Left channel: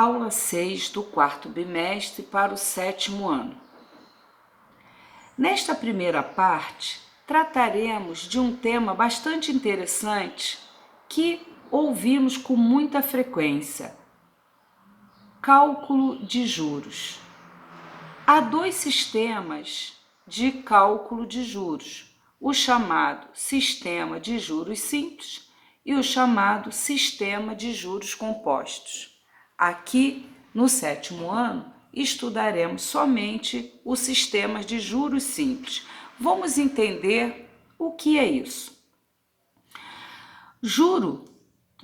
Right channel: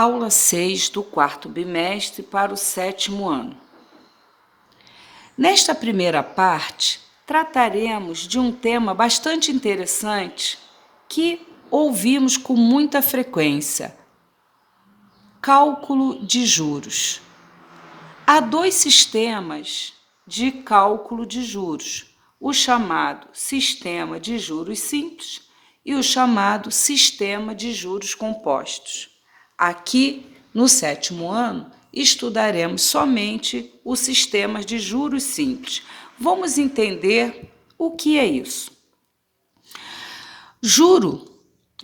Aula 6 do quarto bimestre para o 7º ano. Nesta primeira parte, trataremos de um tema bastante interessante que ouvimos com muita frequência: cálculo de juros. Há dois sistemas de cálculo de juros, o chamado sistema de juros simples e o chamado sistema de juros compostos. Aqui, no 7º ano, estudaremos somente o sistema de juros simples. Vamos entender o que é isso. Juro,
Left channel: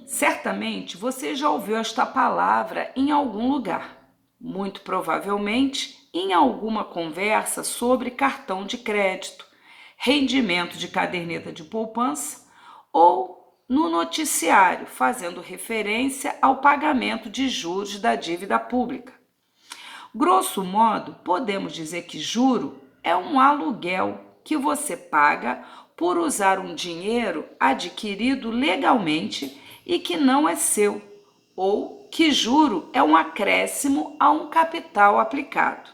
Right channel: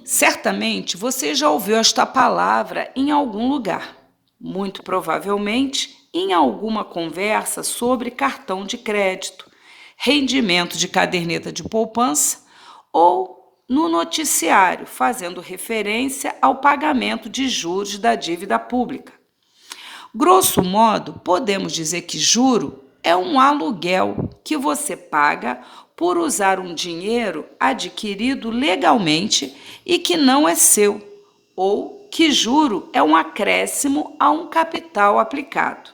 certamente você já ouviu esta palavra em algum lugar, muito provavelmente em alguma conversa sobre cartão de crédito, rendimento de caderneta de poupança ou no noticiário, fazendo referência ao pagamento de juros da dívida pública. Grosso modo, podemos dizer que juro é um aluguel que você paga por usar um dinheiro adquirido legalmente e que não é seu, ou que juro é um acréscimo a um capital aplicado.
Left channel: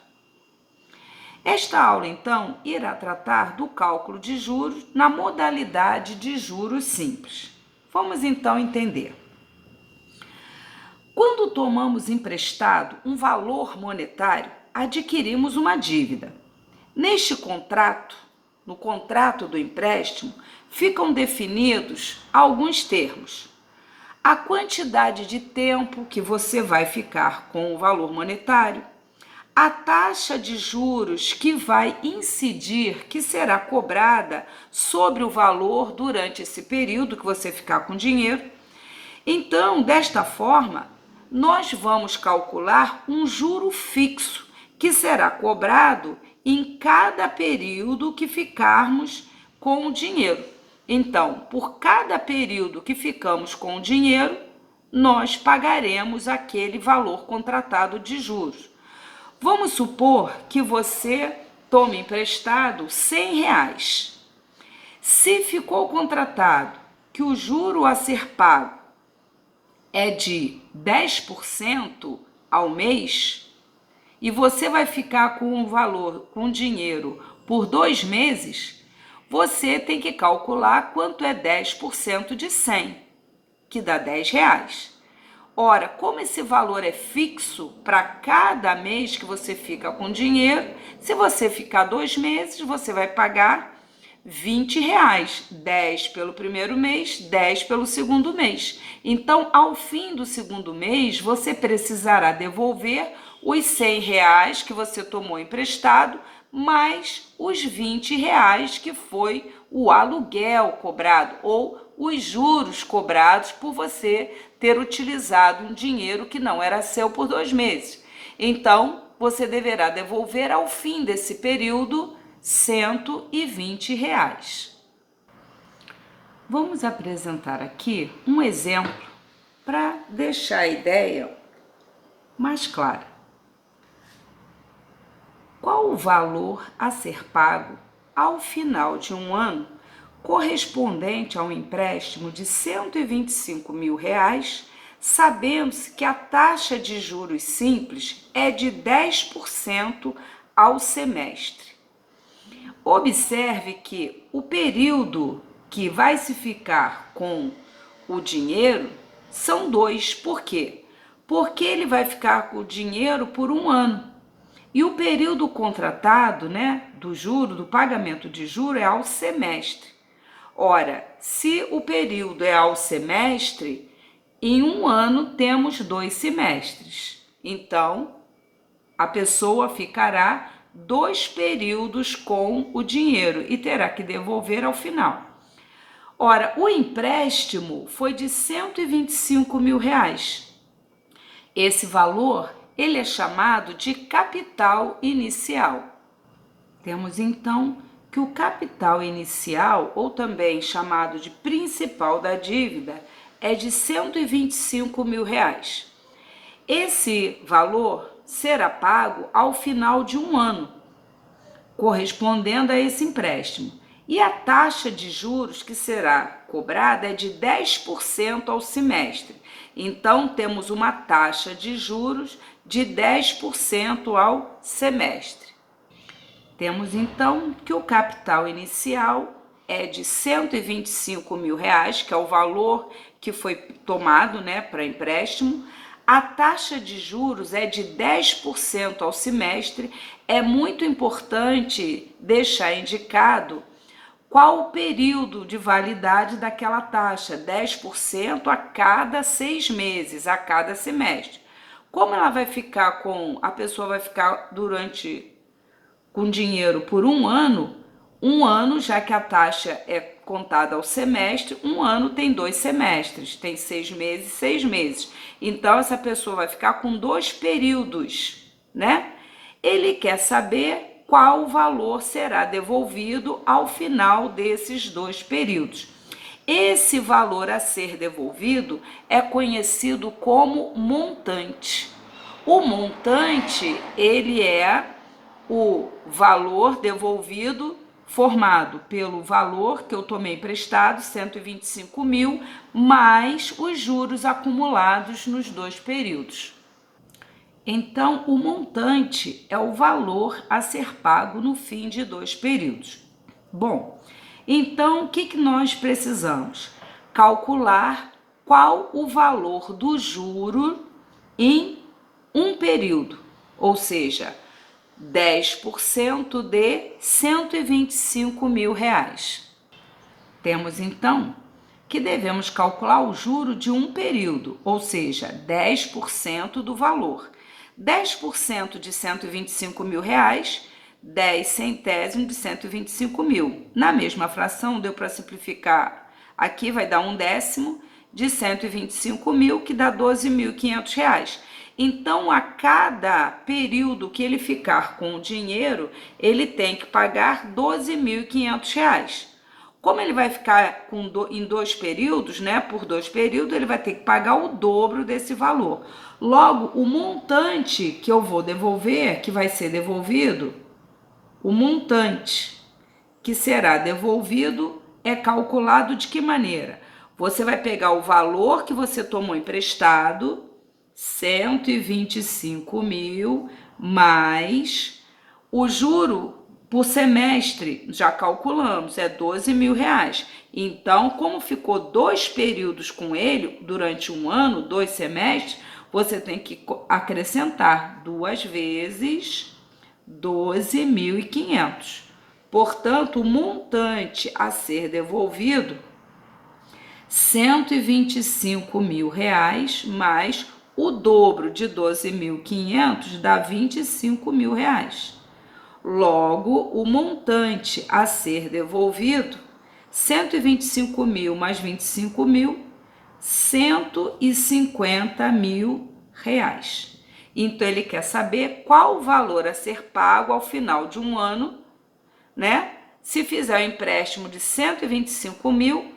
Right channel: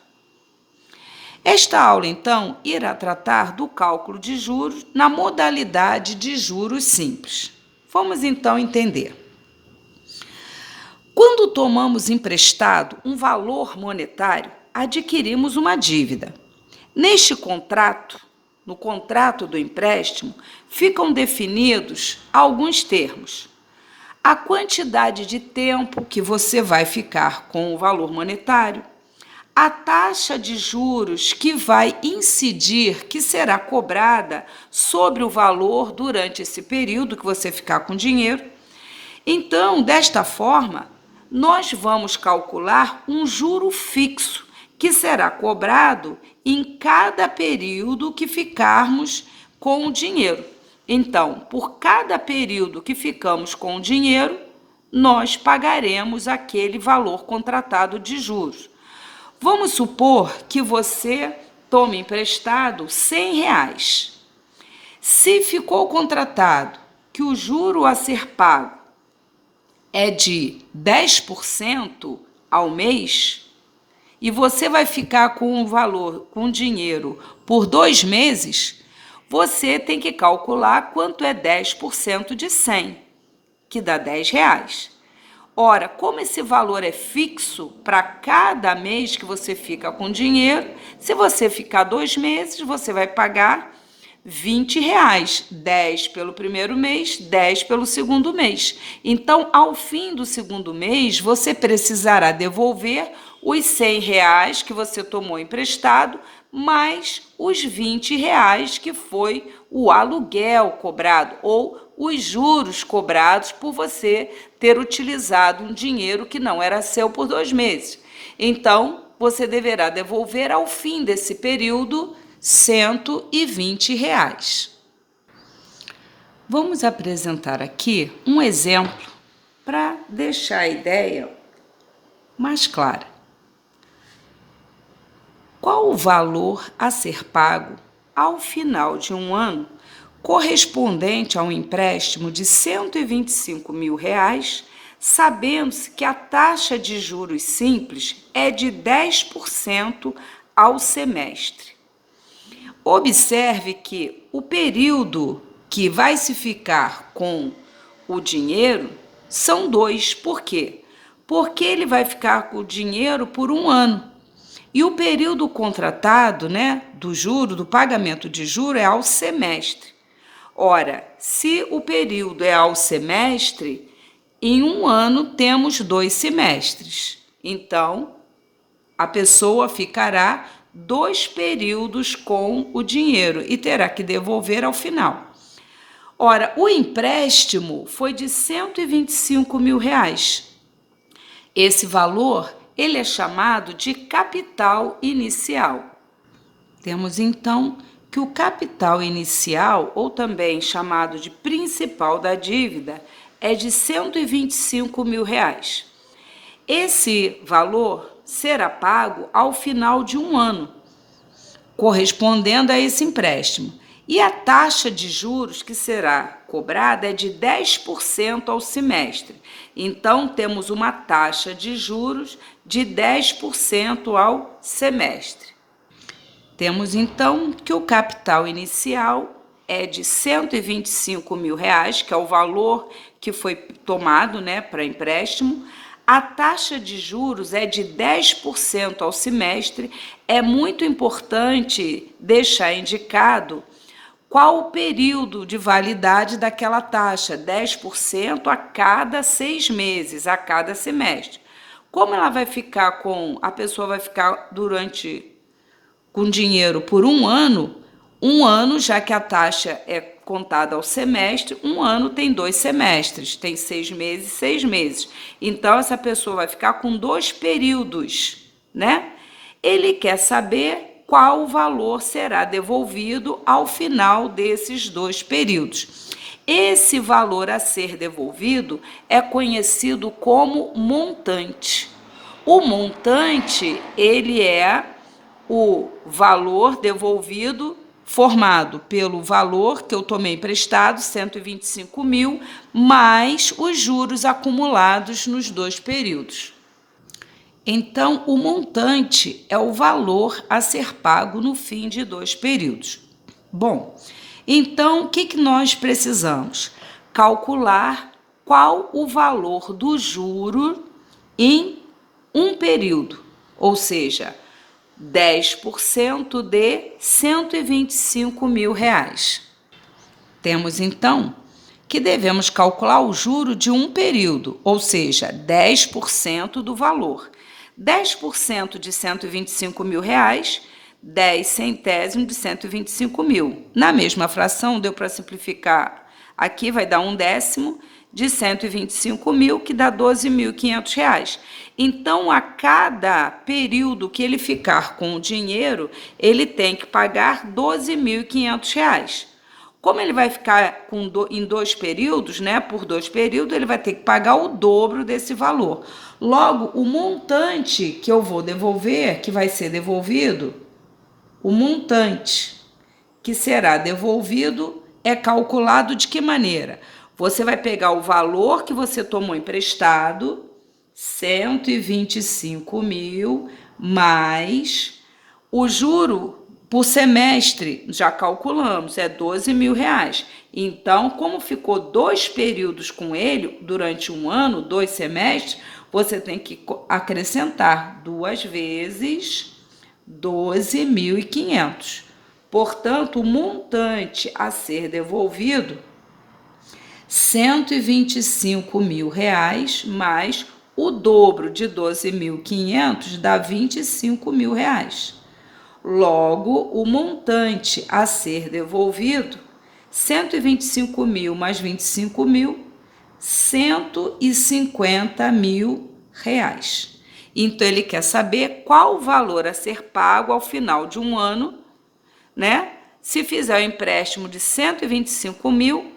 Esta aula, então, irá tratar do cálculo de juros na modalidade de juros simples. Vamos então entender. Quando tomamos emprestado um valor monetário, adquirimos uma dívida. Neste contrato, no contrato do empréstimo, ficam definidos alguns termos. A quantidade de tempo que você vai ficar com o valor monetário, a taxa de juros que vai incidir, que será cobrada sobre o valor durante esse período que você ficar com dinheiro. Então, desta forma, nós vamos calcular um juro fixo, que será cobrado em cada período que ficarmos com o dinheiro. Então, por cada período que ficamos com o dinheiro, nós pagaremos aquele valor contratado de juros. Vamos supor que você tome emprestado R$100. Se ficou contratado que o juro a ser pago é de 10% ao mês, e você vai ficar com o valor, com o dinheiro por 2 meses, você tem que calcular quanto é 10% de 100, que dá R$10. Ora, como esse valor é fixo para cada mês que você fica com dinheiro, se você ficar 2 meses, você vai pagar R$20, 10 pelo primeiro mês, 10 pelo segundo mês. Então, ao fim do segundo mês, você precisará devolver os R$100 que você tomou emprestado, mais os R$20 que foi o aluguel cobrado ou os juros cobrados por você ter utilizado um dinheiro que não era seu por 2 meses. Então, você deverá devolver ao fim desse período R$120. Vamos apresentar aqui um exemplo para deixar a ideia mais clara. Qual o valor a ser pago ao final de um ano correspondente a um empréstimo de R$125 mil, sabendo-se que a taxa de juros simples é de 10% ao semestre? Observe que o período que vai se ficar com o dinheiro são 2. Por quê? Porque ele vai ficar com o dinheiro por 1 ano. E o período contratado, do juro, do pagamento de juro, é ao semestre. Ora, se o período é ao semestre, em 1 ano temos 2 semestres. Então, a pessoa ficará 2 períodos com o dinheiro e terá que devolver ao final. Ora, o empréstimo foi de R$125 mil. Esse valor, ele é chamado de capital inicial. Temos então que o capital inicial, ou também chamado de principal da dívida, é de R$125 mil. Esse valor será pago ao final de 1 ano, correspondendo a esse empréstimo. E a taxa de juros que será cobrada é de 10% ao semestre. Então, temos uma taxa de juros de 10% ao semestre. Temos então que o capital inicial é de R$ 125.000, que é o valor que foi tomado, né, para empréstimo. A taxa de juros é de 10% ao semestre. É muito importante deixar indicado qual o período de validade daquela taxa, 10% a cada 6 meses, a cada semestre. Como ela vai ficar a pessoa vai ficar com dinheiro por um ano, já que a taxa é contada ao semestre, um ano tem 2 semestres, tem 6 meses, 6 meses. Então, essa pessoa vai ficar com 2 períodos, né? Ele quer saber qual o valor será devolvido ao final desses 2 períodos. Esse valor a ser devolvido é conhecido como montante. O montante, ele é o valor devolvido formado pelo valor que eu tomei emprestado, 125.000, mais os juros acumulados nos 2 períodos. Então, o montante é o valor a ser pago no fim de 2 períodos. Bom, então o que nós precisamos? Calcular qual o valor do juro em um período, ou seja, 10% de R$ 125.000. Temos então que devemos calcular o juro de um período, ou seja, 10% do valor. 10% de R$ 125.000, 10 centésimos de 125.000. Na mesma fração, deu para simplificar. Aqui vai dar 1/10 de 125.000, que dá R$ 12.500. Então, a cada período que ele ficar com o dinheiro, ele tem que pagar R$ 12.500. Como ele vai ficar em 2 períodos, né? Por 2 períodos, ele vai ter que pagar o dobro desse valor. Logo, o montante que eu vou devolver, que vai ser devolvido, o montante que será devolvido é calculado de que maneira? Você vai pegar o valor que você tomou emprestado, 125.000, mais o juro por semestre, já calculamos, é R$ 12.000. Então, como ficou 2 períodos com ele, durante um ano, 2 semestres, você tem que acrescentar 2 vezes 12.500. Portanto, o montante a ser devolvido, R$ 125.000, mais o dobro de 12.500 dá R$ 25.000. Logo, o montante a ser devolvido, 125.000 mais 25.000, R$ 150.000. Então, ele quer saber qual o valor a ser pago ao final de um ano, né? Se fizer o empréstimo de 125.000,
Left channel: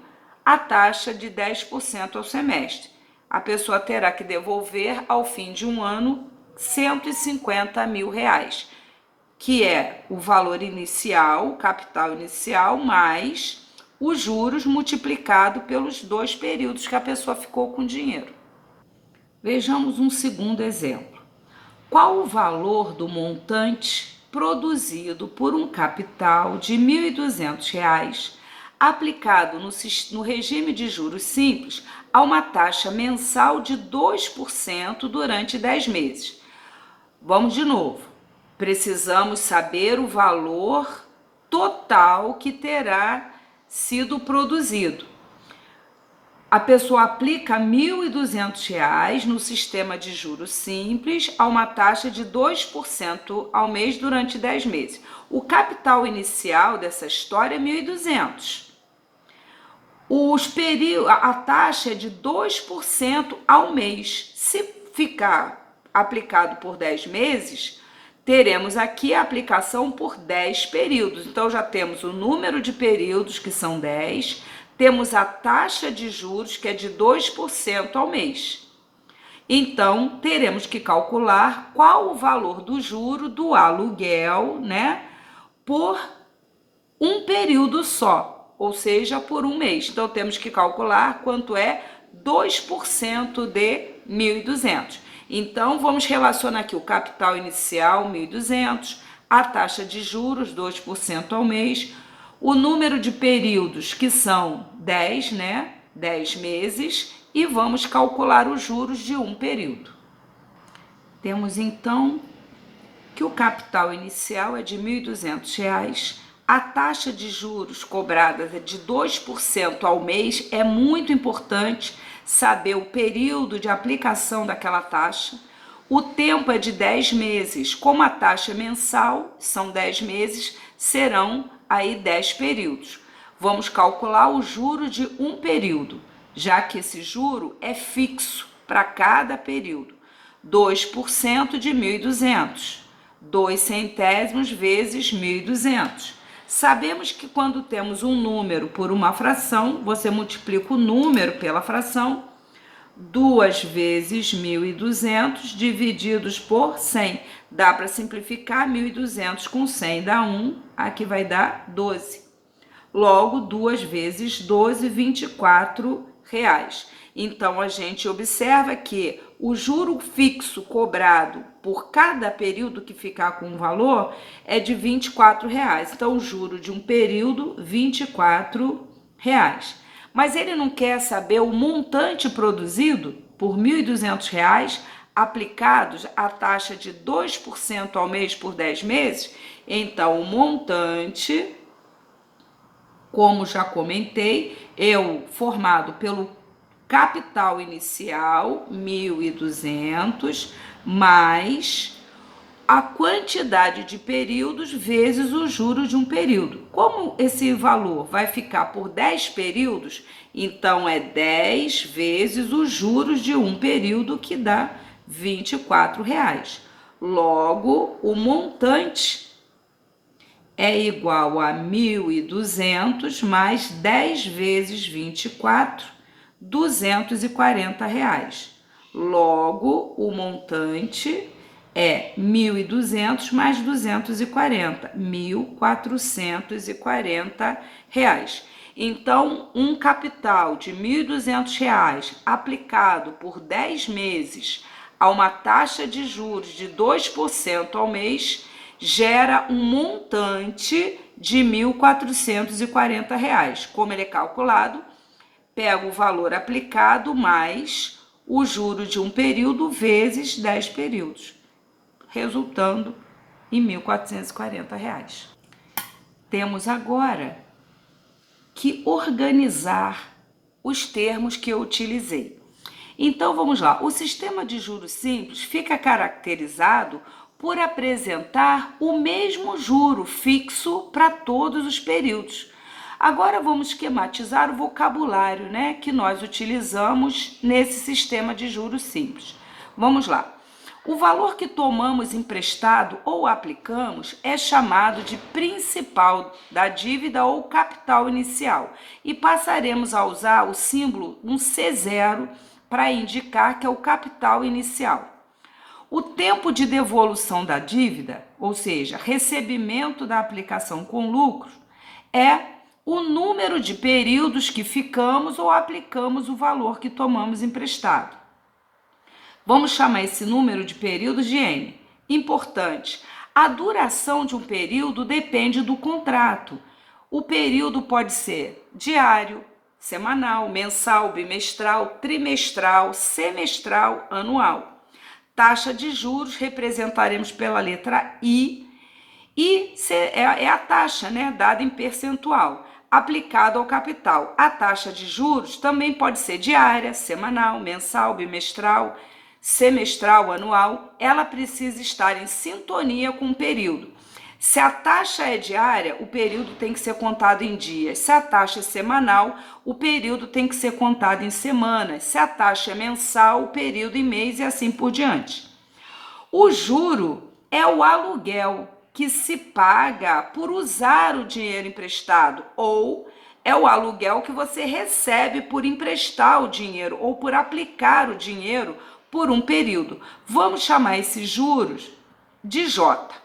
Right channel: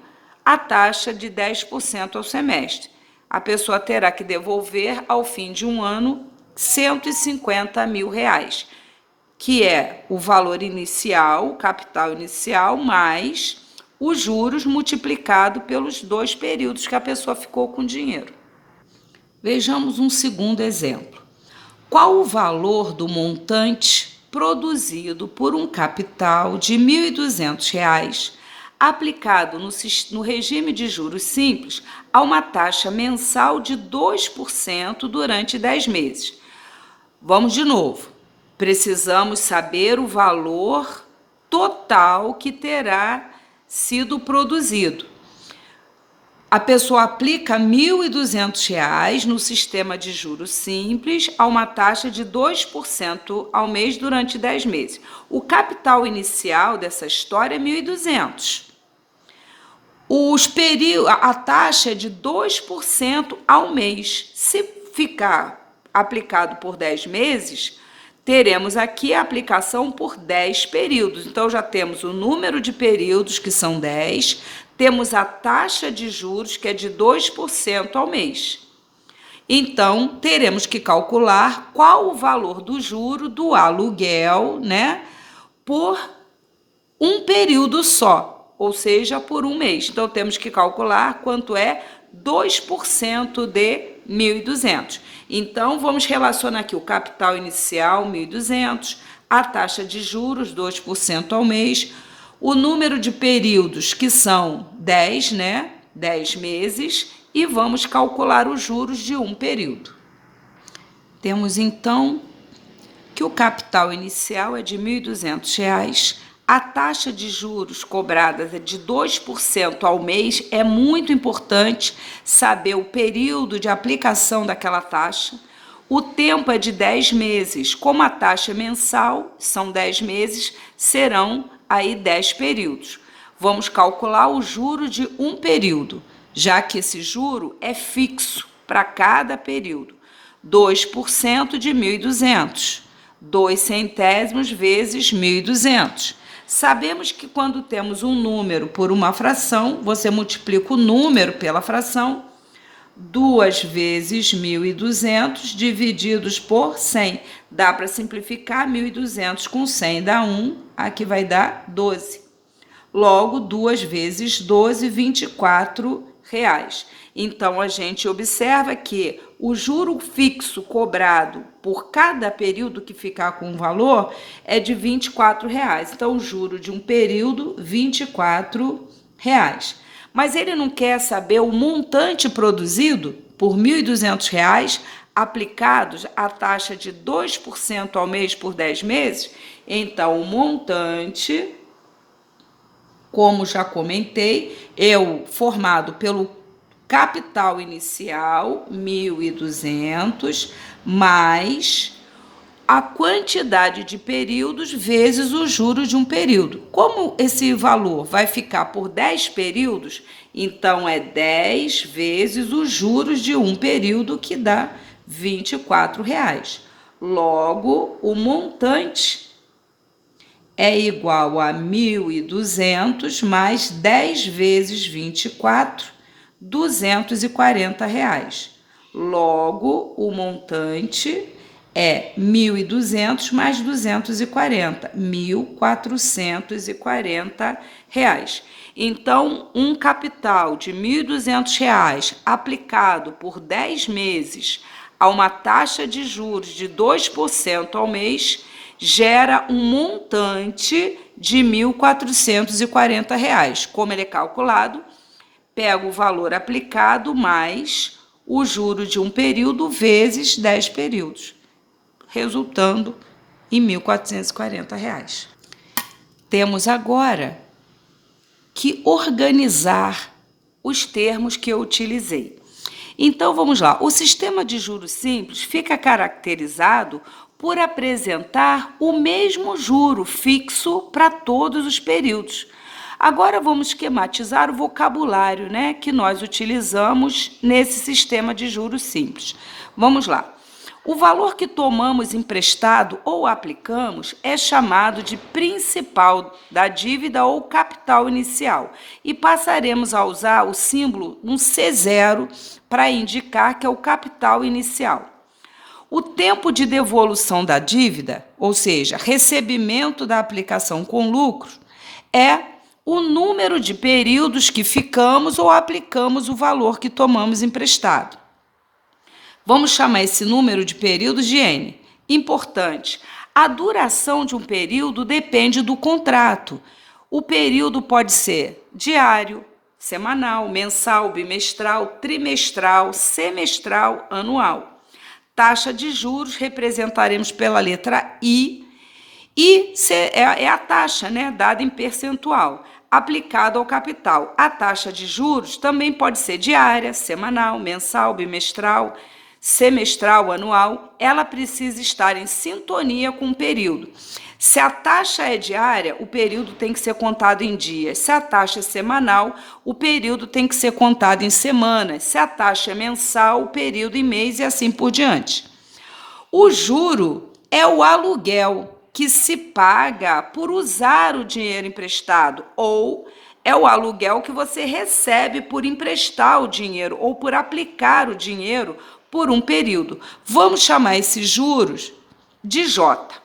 a taxa de 10% ao semestre. A pessoa terá que devolver ao fim de um ano R$ 150.000, que é o valor inicial, o capital inicial, mais os juros multiplicado pelos 2 períodos que a pessoa ficou com dinheiro. Vejamos um segundo exemplo. Qual o valor do montante produzido por um capital de R$ 1.200 aplicado no regime de juros simples a uma taxa mensal de 2% durante 10 meses? Vamos de novo. Precisamos saber o valor total que terá sido produzido. A pessoa aplica R$ 1.200 no sistema de juros simples a uma taxa de 2% ao mês durante 10 meses. O capital inicial dessa história é 1.200. A taxa é de 2% ao mês. Se ficar aplicado por 10 meses, teremos aqui a aplicação por 10 períodos. Então, já temos o número de períodos, que são 10, temos a taxa de juros, que é de 2% ao mês. Então, teremos que calcular qual o valor do juro do aluguel, né, por um período só, ou seja, por um mês. Então, temos que calcular quanto é 2% de 1.200. Então, vamos relacionar aqui o capital inicial, 1.200, a taxa de juros, 2% ao mês, o número de períodos, que são 10, né? 10 meses, e vamos calcular os juros de um período. Temos, então, que o capital inicial é de R$ 1.200, a taxa de juros cobrada é de 2% ao mês. É muito importante saber o período de aplicação daquela taxa. O tempo é de 10 meses. Como a taxa é mensal, são 10 meses, serão aí 10 períodos. Vamos calcular o juro de um período, já que esse juro é fixo para cada período. 2% de 1.200. 2 centésimos vezes 1.200. Sabemos que quando temos um número por uma fração, você multiplica o número pela fração, 2 vezes 1.200 divididos por 100. Dá para simplificar 1.200 com 100, dá 1, aqui vai dar 12. Logo, 2 vezes 12, R$ 24. Então, a gente observa que o juro fixo cobrado por cada período que ficar com o valor é de R$ 24. Então, o juro de um período, R$ 24. Mas ele não quer saber o montante produzido por R$ 1.200 aplicados à taxa de 2% ao mês por 10 meses? Então, o montante, como já comentei, é o formado pelo capital inicial, 1.200, mais a quantidade de períodos vezes o juro de um período. Como esse valor vai ficar por 10 períodos, então é 10 vezes os juros de um período, que dá R$ 24. Logo, o montante é igual a 1.200 mais 10 vezes 24, R$ 240. Logo, o montante é 1.200 mais 240, R$ 1.440. Então, um capital de R$ 1.200 aplicado por 10 meses a uma taxa de juros de 2% ao mês gera um montante de R$ 1.440. Como ele é calculado? Pega o valor aplicado mais o juro de um período vezes 10 períodos, resultando em R$ 1.440. Temos agora que organizar os termos que eu utilizei. Então, vamos lá. O sistema de juros simples fica caracterizado por apresentar o mesmo juro fixo para todos os períodos. Agora vamos esquematizar o vocabulário, né, que nós utilizamos nesse sistema de juros simples. Vamos lá. O valor que tomamos emprestado ou aplicamos é chamado de principal da dívida ou capital inicial, e passaremos a usar o símbolo um C0 para indicar que é o capital inicial. O tempo de devolução da dívida, ou seja, recebimento da aplicação com lucro, é o número de períodos que ficamos ou aplicamos o valor que tomamos emprestado. Vamos chamar esse número de períodos de N. Importante, a duração de um período depende do contrato. O período pode ser diário, semanal, mensal, bimestral, trimestral, semestral, anual. Taxa de juros representaremos pela letra I, e é a taxa, né, dada em percentual, aplicada ao capital. A taxa de juros também pode ser diária, semanal, mensal, bimestral, semestral, anual. Ela precisa estar em sintonia com o período. Se a taxa é diária, o período tem que ser contado em dias. Se a taxa é semanal, o período tem que ser contado em semanas. Se a taxa é mensal, o período em mês, e assim por diante. O juro é o aluguel que se paga por usar o dinheiro emprestado, ou é o aluguel que você recebe por emprestar o dinheiro ou por aplicar o dinheiro por um período. Vamos chamar esses juros de J.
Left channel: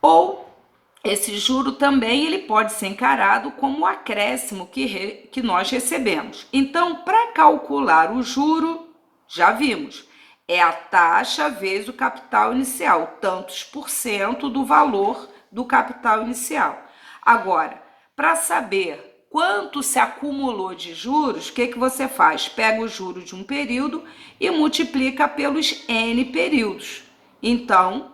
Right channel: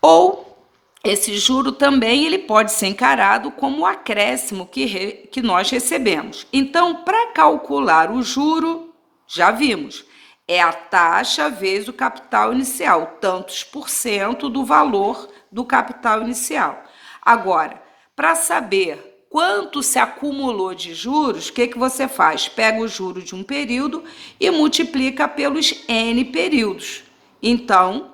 Ou esse juro também ele pode ser encarado como o acréscimo que nós recebemos. Então, para calcular o juro, já vimos, é a taxa vezes o capital inicial, tantos por cento do valor do capital inicial. Agora, para saber quanto se acumulou de juros, o que você faz? Pega o juro de um período e multiplica pelos N períodos. Então,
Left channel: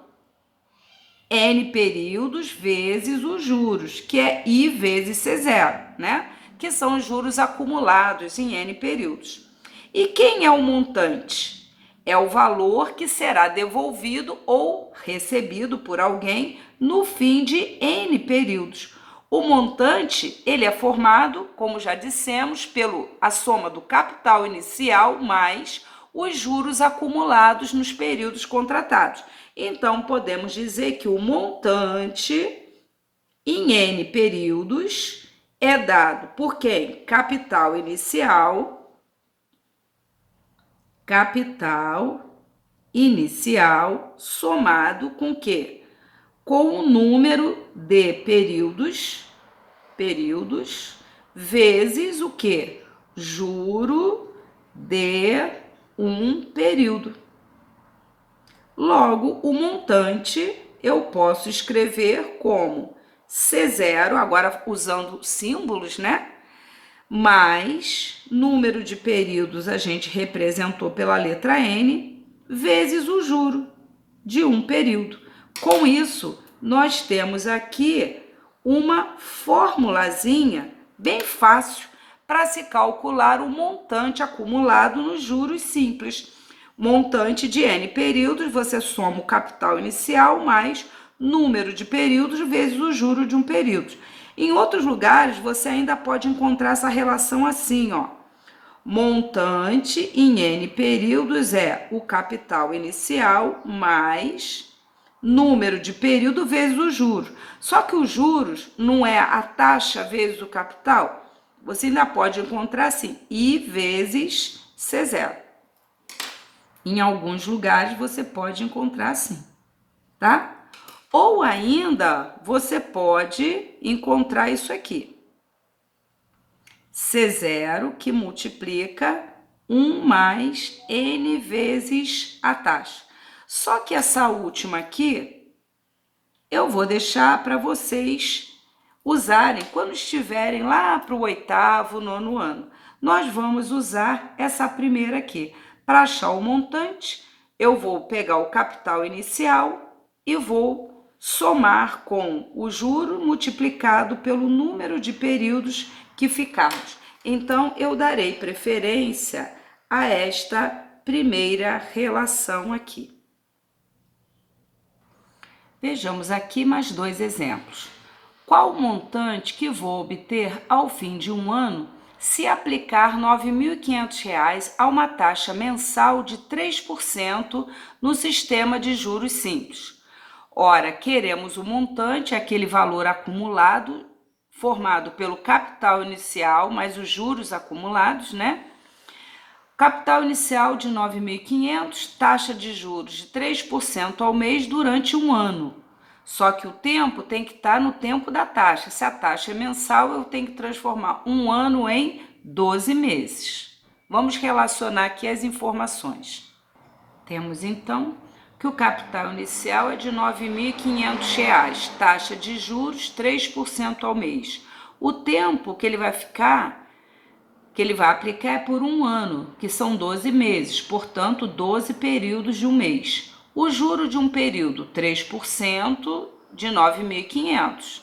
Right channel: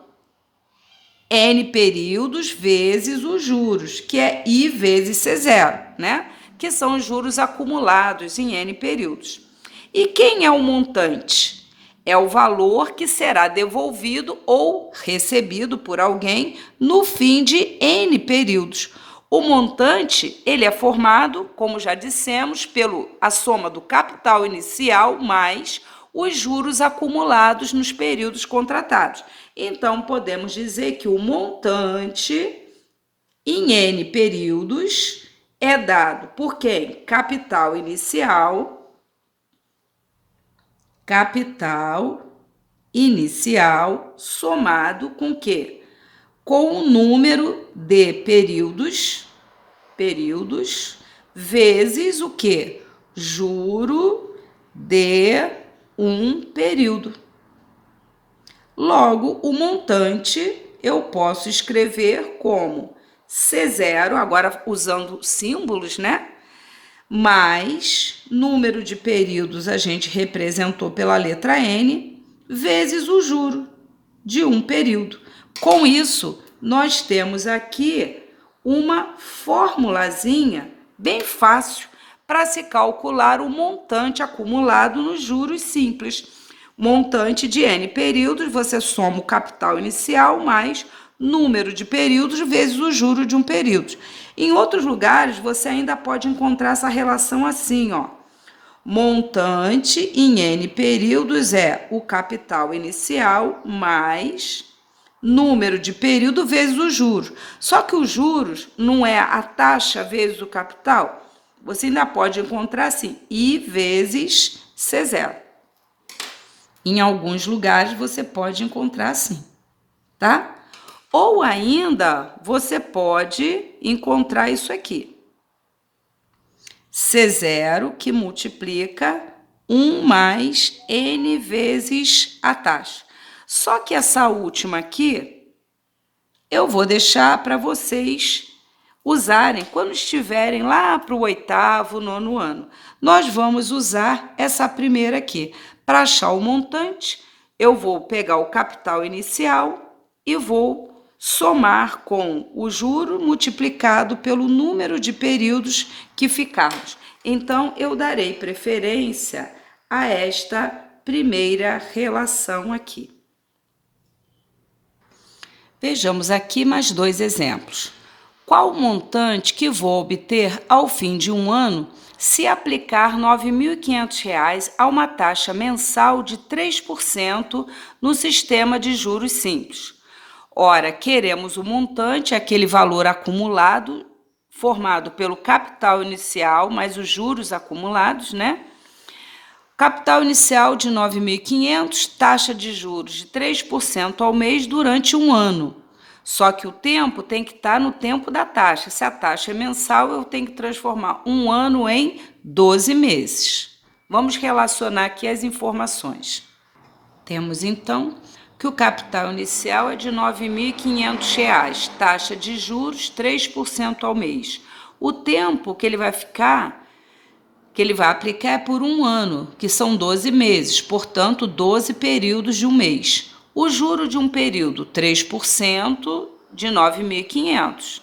N períodos vezes os juros, que é I vezes C0, né? Que são os juros acumulados em N períodos. E quem é o montante? É o valor que será devolvido ou recebido por alguém no fim de N períodos. O montante, ele é formado, como já dissemos, pela soma do capital inicial mais os juros acumulados nos períodos contratados. Então, podemos dizer que o montante em N períodos é dado por quem? Capital inicial somado com o quê? Com o número de períodos, vezes o quê? Juro de um período. Logo, o montante eu posso escrever como C0, agora usando símbolos, né? Mais número de períodos a gente representou pela letra N, vezes o juro de um período. Com isso, nós temos aqui uma formulazinha bem fácil para se calcular o montante acumulado nos juros simples. Montante de N períodos, você soma o capital inicial mais número de períodos vezes o juro de um período. Em outros lugares, você ainda pode encontrar essa relação assim, ó. Montante em N períodos é o capital inicial mais número de período vezes os juros. Só que os juros não é a taxa vezes o capital. Você ainda pode encontrar assim, I vezes C0. Em alguns lugares você pode encontrar assim, tá? Ou ainda você pode encontrar isso aqui. C0 que multiplica 1 mais N vezes a taxa. Só que essa última aqui eu vou deixar para vocês usarem quando estiverem lá para o 8º, 9º ano. Nós vamos usar essa primeira aqui. Para achar o montante, eu vou pegar o capital inicial e vou somar com o juro multiplicado pelo número de períodos que ficamos. Então, eu darei preferência a esta primeira relação aqui. Vejamos aqui mais dois exemplos. Qual o montante que vou obter ao fim de um ano se aplicar R$ 9.500 a uma taxa mensal de 3% no sistema de juros simples? Ora, queremos o montante, aquele valor acumulado, formado pelo capital inicial mais os juros acumulados, né? Capital inicial de 9.500, taxa de juros de 3% ao mês durante um ano. Só que o tempo tem que estar no tempo da taxa. Se a taxa é mensal, eu tenho que transformar um ano em 12 meses. Vamos relacionar aqui as informações. Temos, então, que o capital inicial é de R$ 9.500, taxa de juros 3% ao mês. O tempo que ele vai aplicar é por um ano, que são 12 meses, portanto, 12 períodos de um mês. O juro de um período, 3% de 9.500.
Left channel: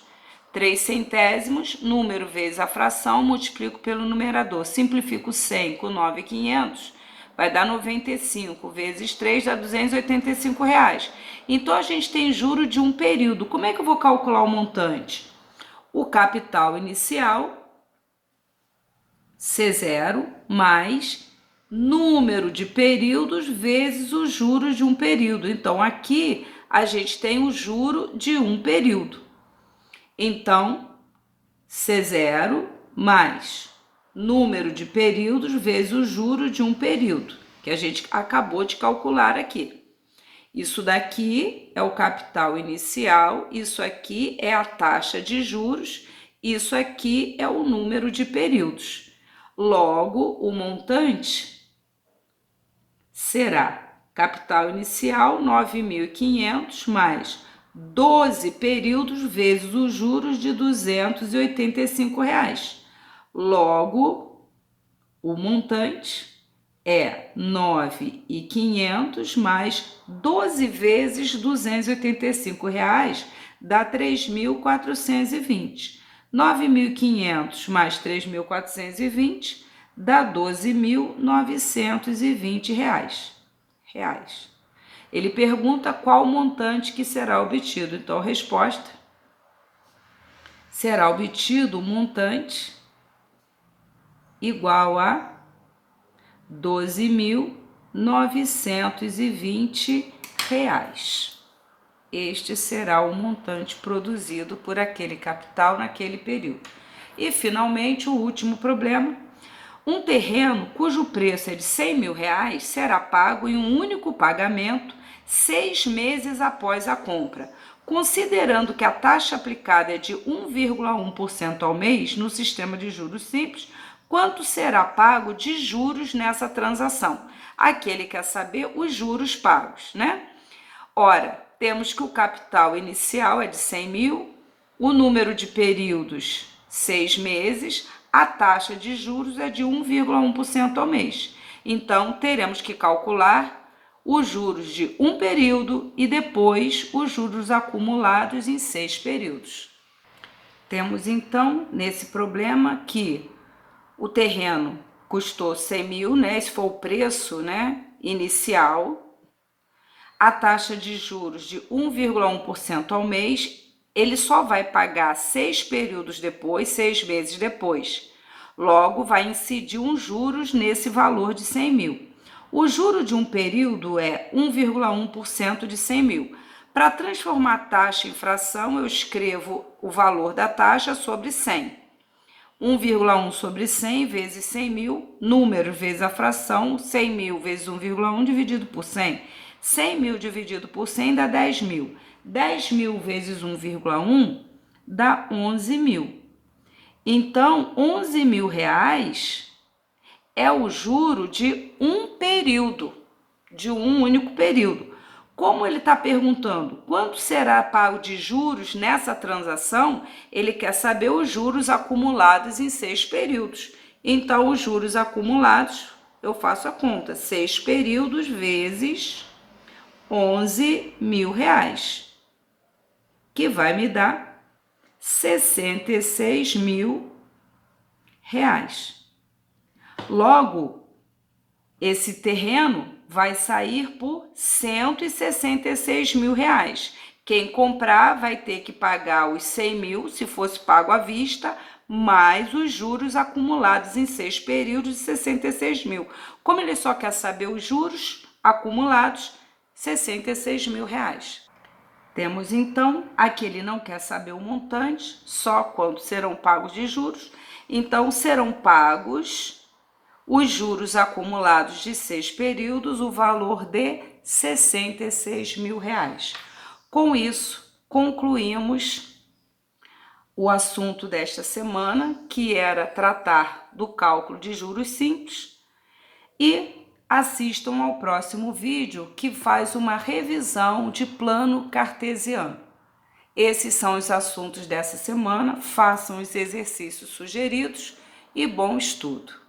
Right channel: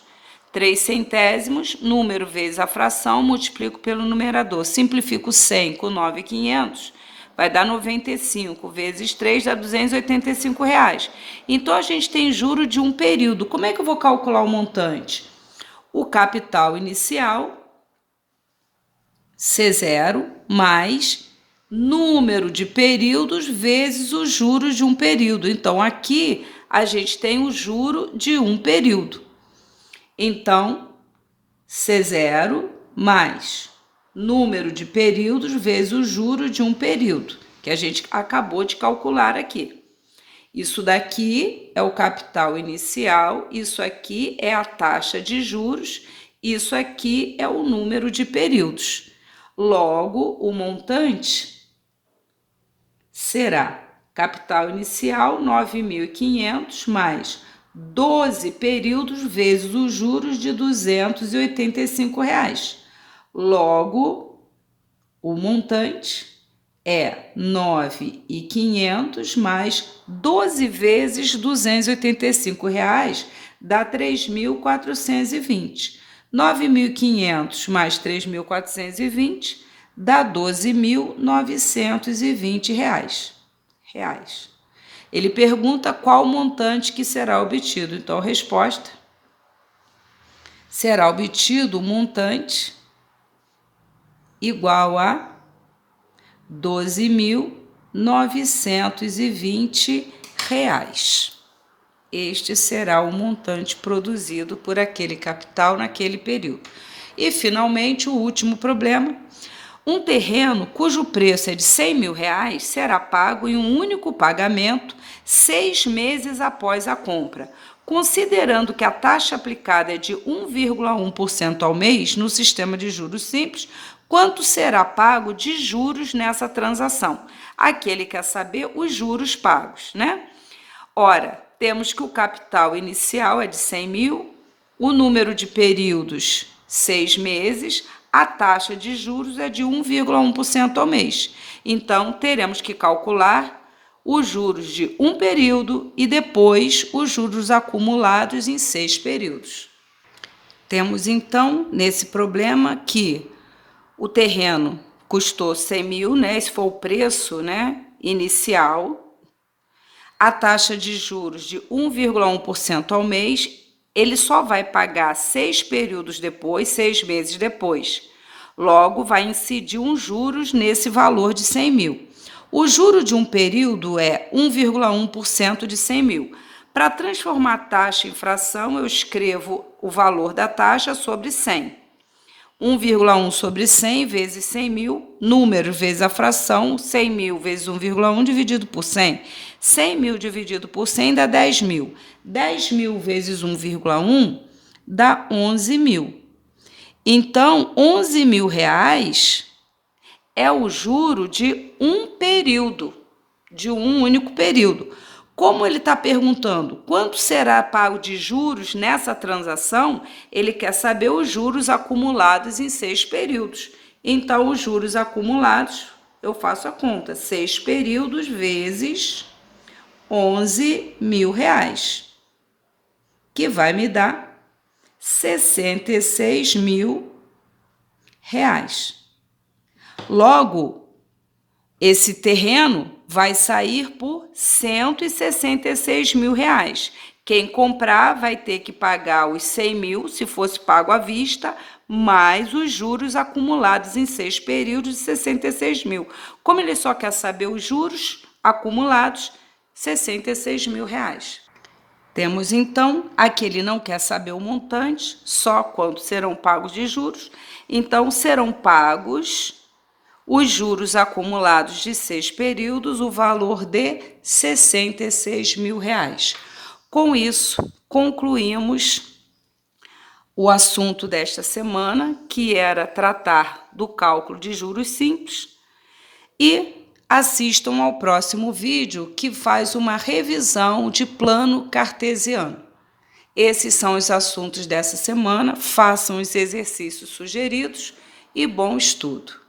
3 centésimos, número vezes a fração, multiplico pelo numerador. Simplifico 100 com 9.500, vai dar 95 vezes 3, dá R$ 285. Então, a gente tem juro de um período. Como é que eu vou calcular o montante? O capital inicial, C0, mais número de períodos vezes os juros de um período. Então, aqui a gente tem o juro de um período. Então, C0 mais número de períodos vezes o juro de um período, que a gente acabou de calcular aqui. Isso daqui é o capital inicial, isso aqui é a taxa de juros, isso aqui é o número de períodos. Logo, o montante será capital inicial 9.500 mais 12 períodos vezes os juros de R$ 285. Logo, o montante é 9.500 mais 12 vezes R$ 285, dá 3.420. 9.500 mais 3.420 dá 12.920 reais. Ele pergunta qual o montante que será obtido. Então, a resposta será obtido o montante igual a R$ 12.920. Este será o montante produzido por aquele capital naquele período. E, finalmente, o último problema. Um terreno cujo preço é de R$ 100.000 será pago em um único pagamento 6 meses após a compra. Considerando que a taxa aplicada é de 1,1% ao mês no sistema de juros simples, quanto será pago de juros nessa transação? Aqui ele quer saber os juros pagos, né? Ora, temos que o capital inicial é de 100 mil, o número de períodos 6 meses, a taxa de juros é de 1,1% ao mês. Então, teremos que calcular os juros de um período e depois os juros acumulados em 6 períodos. Temos, então, nesse problema que o terreno custou 100 mil, né? Esse foi o preço, né, inicial. A taxa de juros de 1,1% ao mês, ele só vai pagar 6 períodos depois, 6 meses depois. Logo, vai incidir um juros nesse valor de 100 mil. O juro de um período é 1,1% de 100 mil. Para transformar a taxa em fração, eu escrevo o valor da taxa sobre 100. 1,1 sobre 100 vezes 100 mil, número vezes a fração, 100 mil vezes 1,1 dividido por 100. 100 mil dividido por 100 dá 10 mil. 10 mil vezes 1,1 dá 11 mil. Então, 11 mil reais é o juro de um período, de um único período. Como ele está perguntando quanto será pago de juros nessa transação, ele quer saber os juros acumulados em 6 períodos. Então, os juros acumulados, eu faço a conta, 6 períodos vezes 11 mil reais, que vai me dar 66 mil reais. Logo, esse terreno vai sair por 166 mil reais. Quem comprar vai ter que pagar os 100 mil, se fosse pago à vista, mais os juros acumulados em 6 períodos de 66 mil. Como ele só quer saber os juros acumulados, 66 mil reais. Temos então, aqui ele não quer saber o montante, só quanto serão pagos de juros. Então, serão pagos os juros acumulados de 6 períodos, o valor de 66 mil reais. Com isso, concluímos o assunto desta semana, que era tratar do cálculo de juros simples, e assistam ao próximo vídeo, que faz uma revisão de plano cartesiano. Esses são os assuntos dessa semana, façam os exercícios sugeridos e bom estudo!